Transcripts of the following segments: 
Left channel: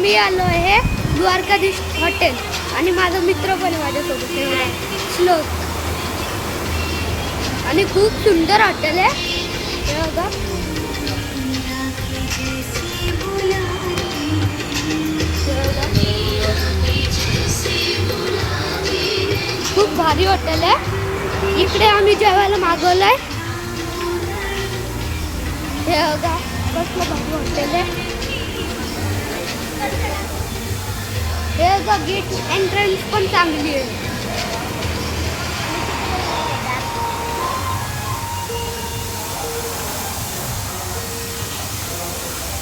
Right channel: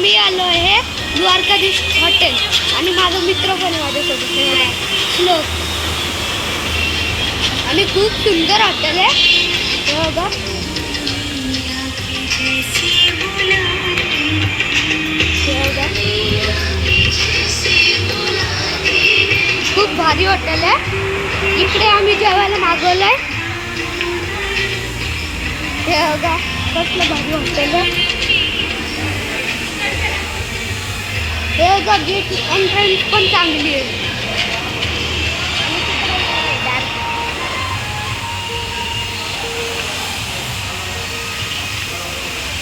मी आलो आहे द्वारकाधीश हॉटेल आणि माझा मित्र पण आहे माझ्यासोबत श्लोक. आणि खूप सुंदर हॉटेल आहे हे बघा. खूप भारी हॉटेल आहे. इकडे आम्ही जेवायला मागवलंय. हे बघा कसलं भारी हॉटेल आहे. हे बघा गेट एंट्रन्स पण चांगली आहे.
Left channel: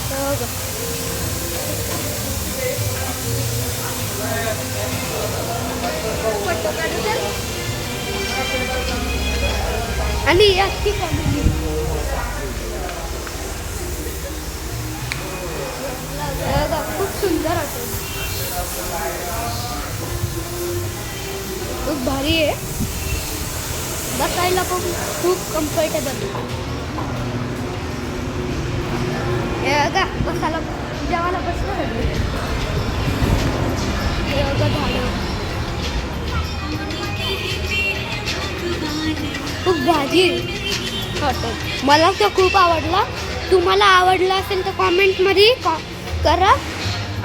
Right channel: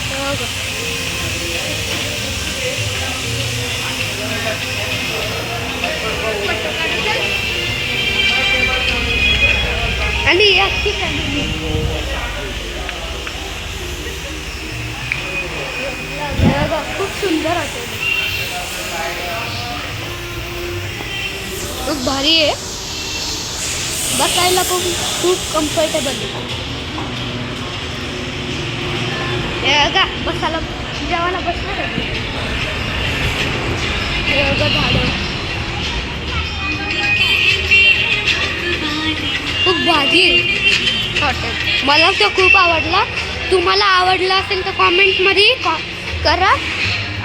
हे बघा आणि याची फॅमिली खूप सुंदर होते. खूप भारी आहे. बसायला पण खूप कम्फर्टेबल. हे बघा बसायला जेवायला बसणार हे बघा झाडं खूप भारी हॉटेल. मला तो खूप आवडला. तुम्हाला आवडला असेल तर कॉमेंटमध्ये करा.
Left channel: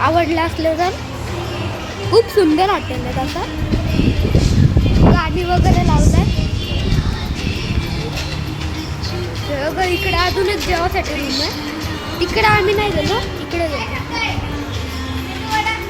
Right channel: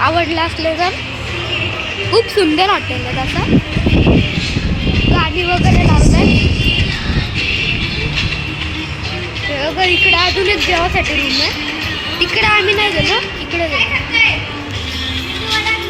आवडला असले तर. खूप सुंदर हॉटेल आहे. तसं गाणी वगैरे लावलाय. इकडे अजून एक जेवासाठी रूम आहे. तिकडे आम्ही नाही गेलो. इकडे गेलो.